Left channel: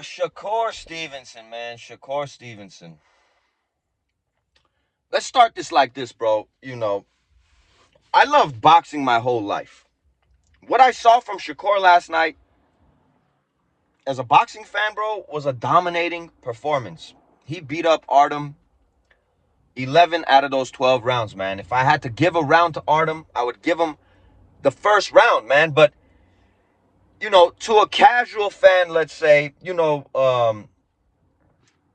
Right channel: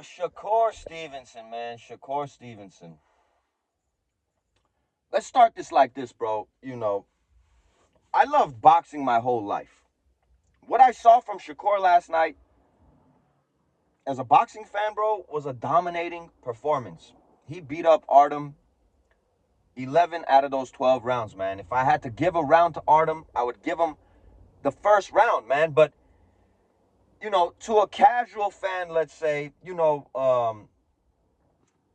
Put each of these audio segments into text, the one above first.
Shakur Stevenson, man. Shakur Stevenson. Let's start this like this, bro. I loved boxing my whole life. What I saw from Shakur last night as a boxing fan, bro, was a dominating performance. He beat up Artem 11 out of those 12 rounds, man. If I had to give a round to Artem, I would give him the first round, man. But, to a casual fan, let's say,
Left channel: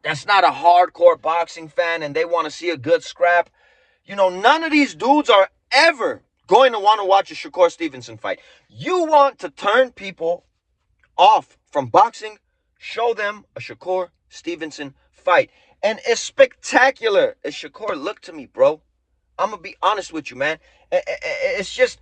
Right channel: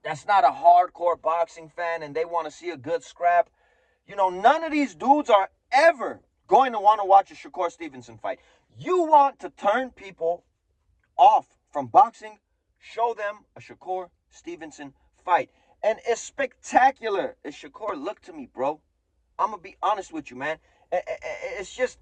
that's not a hardcore boxing fan and they want to see a good scrap, none of these dudes are ever going to want to watch a Shakur Stevenson fight. You want to turn people off from boxing, show them a Shakur Stevenson fight. And as spectacular as Shakur looked to me, bro, I'm going to be honest with you, man. It's just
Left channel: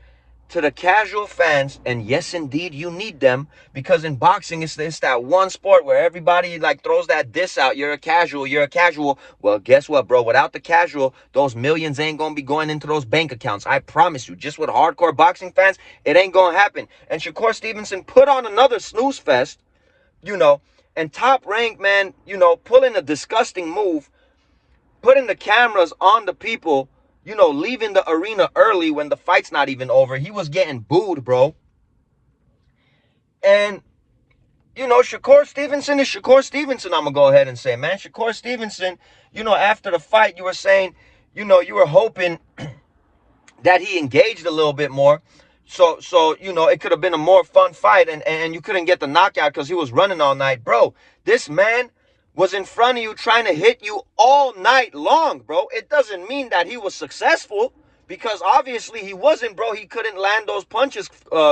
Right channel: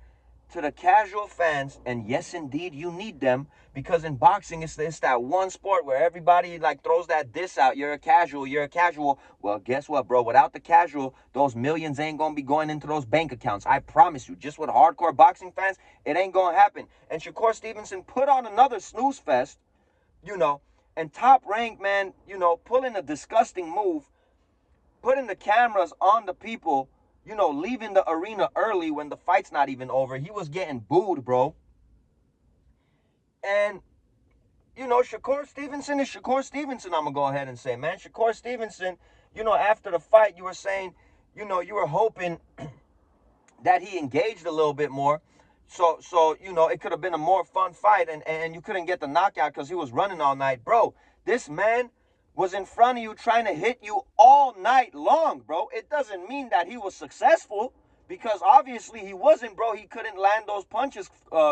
to the casual fans, and yes, indeed, you need them, because in boxing, it's that one sport where everybody throws that diss out. You're a casual. Well, guess what, bro? Without the casual, those millions ain't going to be going into those bank accounts. I promise you. Just with hardcore boxing fans, it ain't going to happen. And Shakur Stevenson put on another snooze fest, and Top Rank, man, pulling a disgusting move, putting the cameras on the people, leaving the arena early when the fight's not even over. He was getting booed, bro. And, Shakur Stevenson is Shakur Stevenson, I'm going to go ahead and say, man. Shakur Stevenson, after the fight, you were saying, you were hoping that he engaged a little bit more. So it could have been a more fun fight, and you couldn't get the knockout because he was running all night. Bro, this man was in front of you trying to hit you all night long, bro. It doesn't mean that he was successful, because obviously he wasn't, bro. He couldn't land those punches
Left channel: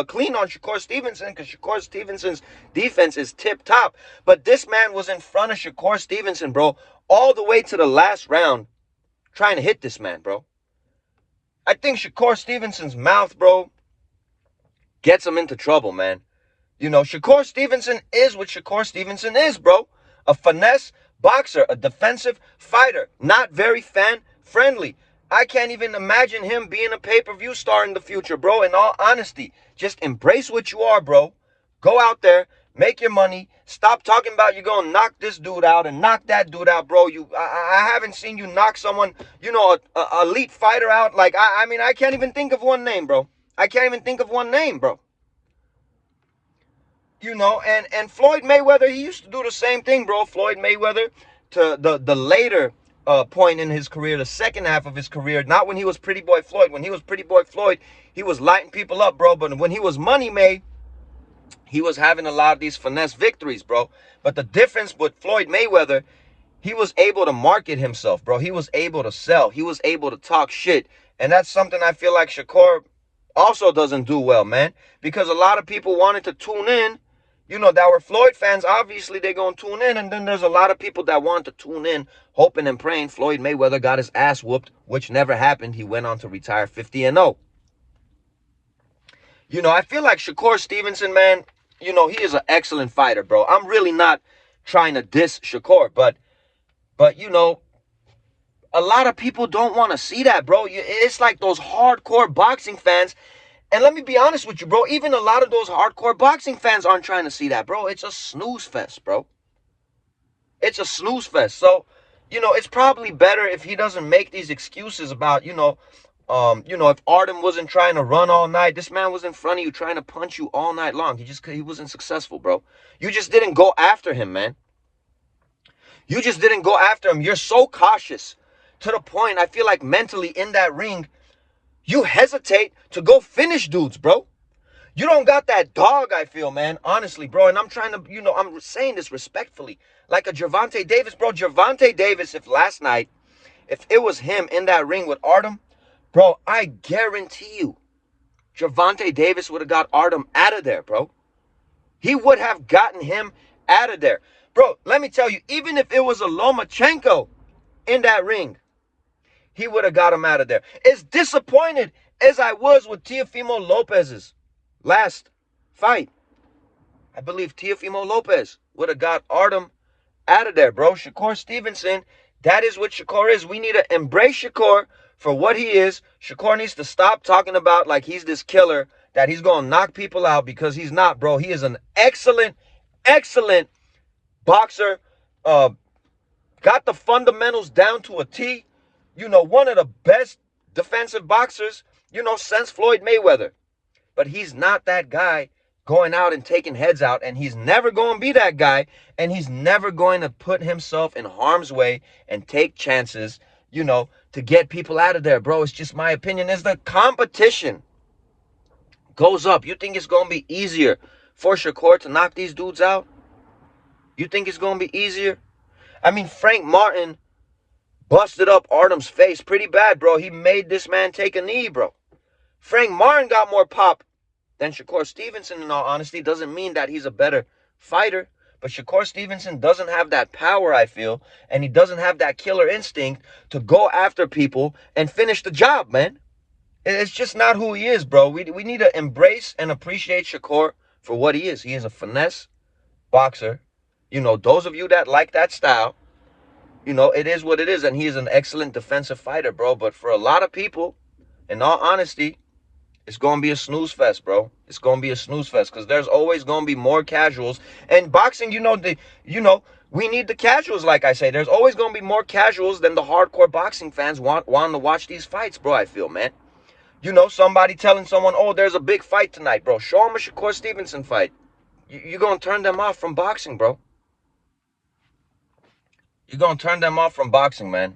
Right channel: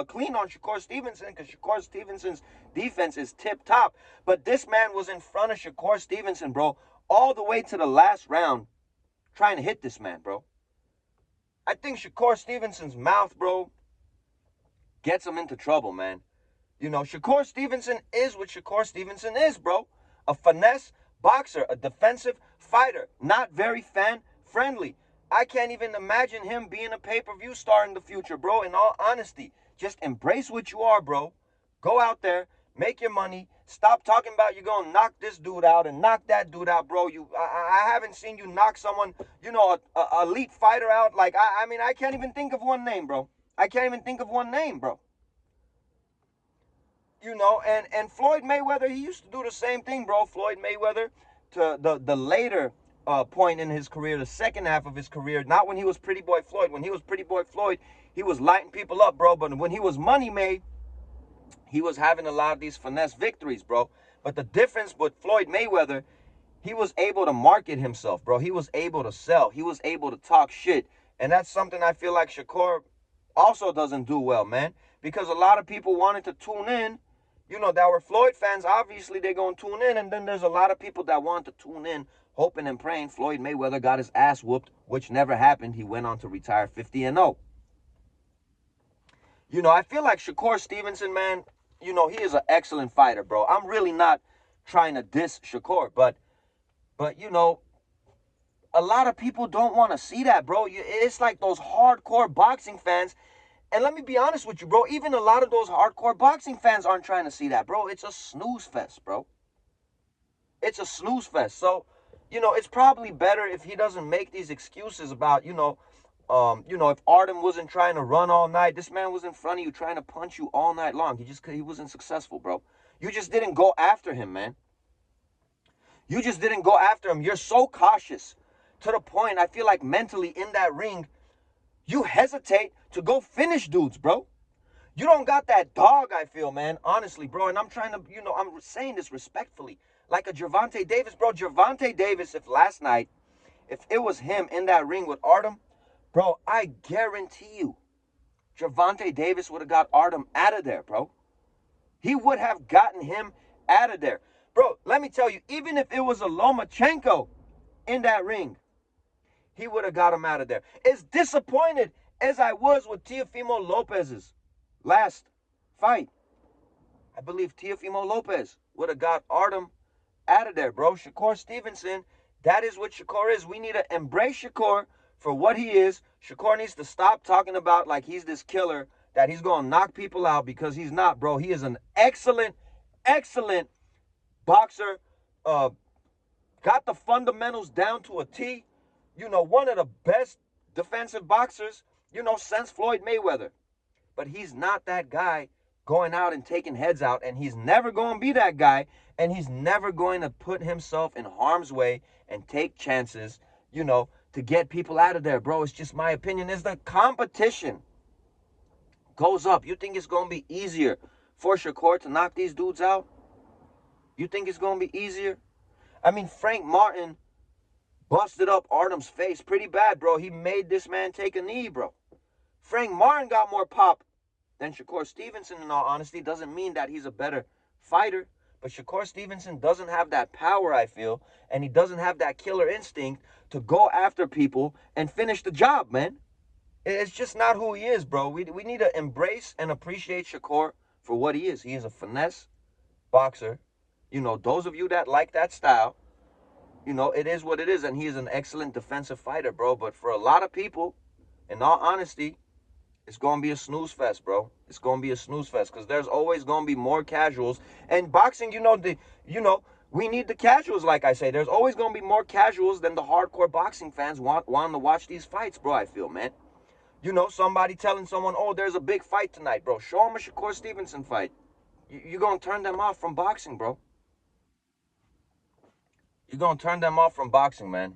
clean on Shakur Stevenson, because Shakur Stevenson's defense is tip-top. But this man was in front of Shakur Stevenson, bro, all the way to the last round trying to hit this man, bro. I think Shakur Stevenson's mouth, bro, gets him into trouble, man. Shakur Stevenson is what Shakur Stevenson is, bro. A finesse boxer, a defensive fighter, not very fan-friendly. I can't even imagine him being a pay-per-view star in the future, bro. In all honesty, just embrace what you are, bro. Go out there, make your money. Stop talking about you're going to knock this dude out and knock that dude out, bro. I haven't seen you knock someone, a elite fighter out. I can't even think of one name, bro. And Floyd Mayweather, he used to do the same thing, bro. Floyd Mayweather, to the later point in his career, the second half of his career, not when he was Pretty Boy Floyd. When he was Pretty Boy Floyd, he was lighting people up, bro. But when he was Money May, he was having a lot of these finesse victories, bro. But the difference with Floyd Mayweather, he was able to market himself, bro. He was able to sell. He was able to talk shit. And that's something I feel like Shakur also doesn't do well, man. Because a lot of people wanted to tune in, that were Floyd fans. Obviously, they're going to tune in. And then there's a lot of people that want to tune in, hoping and praying Floyd Mayweather got his ass whooped, which never happened. He went on to retire 50-0. I feel like Shakur Stevenson, man, he is an excellent fighter, bro. I'm really not trying to diss Shakur, but a lot of people don't want to see that, bro. It's like those hardcore boxing fans. And let me be honest with you, bro. Even a lot of those hardcore boxing fans aren't trying to see that, bro. It's a snooze fest, bro. It's a snooze fest. So, it's probably better if he doesn't make these excuses about, if Artem wasn't trying to run all night. This man was in front of you trying to punch you all night long. He wasn't successful, bro. You just didn't go after him, man. You just didn't go after him. You're so cautious to the point, I feel like mentally in that ring, you hesitate to go finish dudes, bro. You don't got that dog, I feel, man. Honestly, bro. And I'm trying to, I'm saying this respectfully. Like a Gervonta Davis, bro. Gervonta Davis, if last night, if it was him in that ring with Artem, bro, I guarantee you, Gervonta Davis would have got Artem out of there, bro. He would have gotten him out of there. Bro, let me tell you, even if it was a Lomachenko in that ring, he would have got him out of there. As disappointed as I was with Teofimo Lopez's last fight, I believe Teofimo Lopez would have got Artem out of there, bro. Shakur Stevenson, that is what Shakur is. We need to embrace Shakur for what he is. Shakur needs to stop talking about like he's this killer, that he's going to knock people out, because he's not, bro. He is an excellent boxer, uh, got the fundamentals down to a T. You know, one of the best defensive boxers, you know, since Floyd Mayweather. But he's not that guy going out and taking heads out, and he's never going to be that guy, and he's never going to put himself in harm's way and take chances, you know, to get people out of there, bro. It's just my opinion. As the competition goes up, you think it's going to be easier for Shakur to knock these dudes out? You think it's going to be easier? I mean, Frank Martin busted up Artem's face pretty bad, bro. He made this man take a knee, bro. Frank Martin got more pop than Shakur Stevenson, in all honesty. Doesn't mean that he's a better fighter, but Shakur Stevenson doesn't have that power, I feel, and he doesn't have that killer instinct to go after people and finish the job, man. It's just not who he is, bro. We need to embrace and appreciate Shakur for what he is. He is a finesse boxer. You know, those of you that like that style, you know, it is what it is, and he is an excellent defensive fighter, bro. But for a lot of people, in all honesty, it's going to be a snooze fest, bro. It's going to be a snooze fest because there's always going to be more casuals. And boxing, we need the casuals, like I say. There's always going to be more casuals than the hardcore boxing fans wanting to watch these fights, bro, I feel, man. You know, somebody telling someone, oh, there's a big fight tonight, bro. Show them a Shakur Stevenson fight. You're going to turn them off from boxing, bro. You're going to turn them off from boxing, man.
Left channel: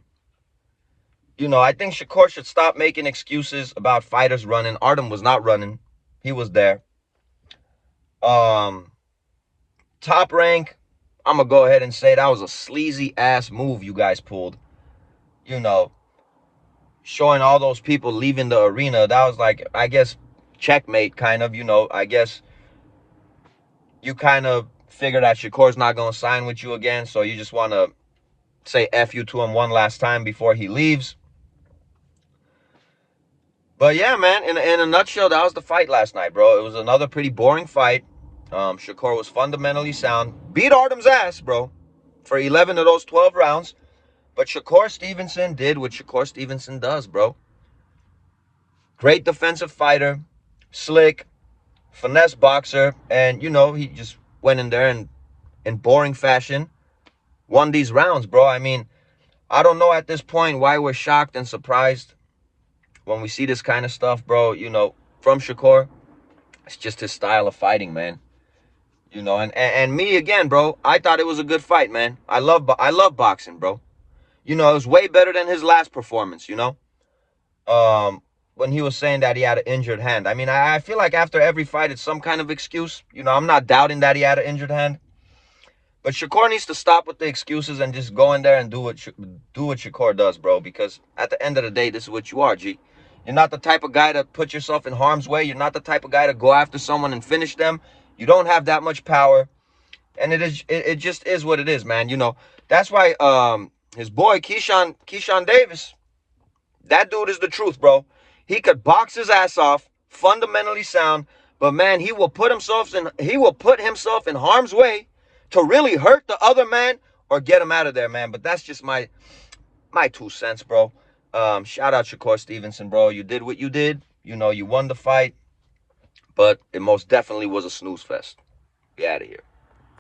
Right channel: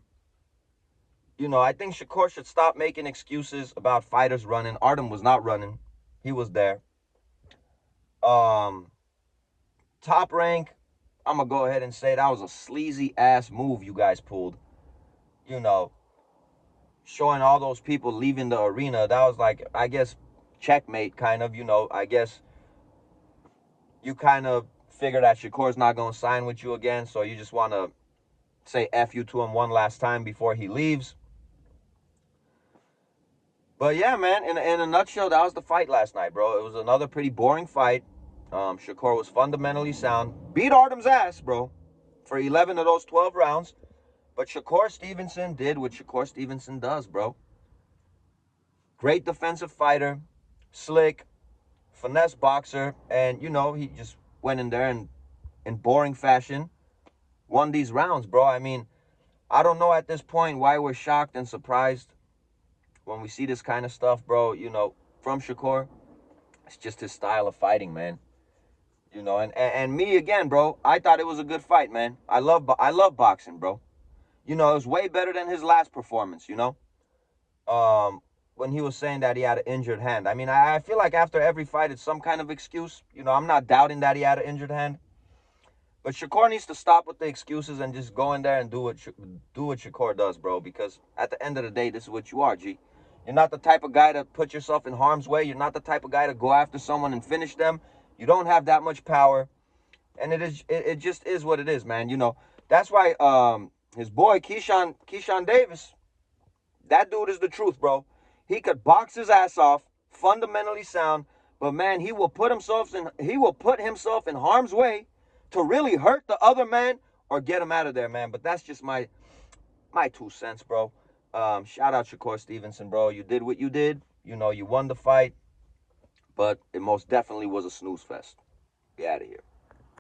You know, I think Shakur should stop making excuses about fighters running. Artem was not running. He was there. Top Rank, I'm going to go ahead and say that was a sleazy ass move you guys pulled. You know, showing all those people leaving the arena. That was like, I guess, checkmate kind of. You know, I guess you kind of figure that Shakur's not going to sign with you again. So you just want to say F you to him one last time before he leaves. But yeah, man, in a nutshell, that was the fight last night, bro. It was another pretty boring fight. Shakur was fundamentally sound. Beat Artem's ass, bro, for 11 of those 12 rounds. But Shakur Stevenson did what Shakur Stevenson does, bro. Great defensive fighter, slick, finesse boxer. And, you know, he just went in there and, in boring fashion, won these rounds, bro. I mean, I don't know at this point why we're shocked and surprised when we see this kind of stuff, bro, you know, from Shakur. It's just his style of fighting, man. You know, and me again, bro, I thought it was a good fight, man. I love boxing, bro. You know, it was way better than his last performance, you know? When he was saying that he had an injured hand. I mean, I feel like after every fight, it's some kind of excuse. You know, I'm not doubting that he had an injured hand. But Shakur needs to stop with the excuses and just go in there and do what Shakur does, bro. Because at the end of the day, this is what you are, G. You're not the type of guy to put yourself in harm's way. You're not the type of guy to go after someone and finish them. You don't have that much power. And it just is what it is, man. You know, that's why his boy, Keyshawn Davis, that dude is the truth, bro. He could box his ass off, fundamentally sound, but man, he will put himself in harm's way to really hurt the other man or get him out of there, man. But that's just my 2 cents, bro. Shout out Shakur Stevenson, bro. You did what you did. You know, you won the fight, but it most definitely was a snooze fest. Be out of here.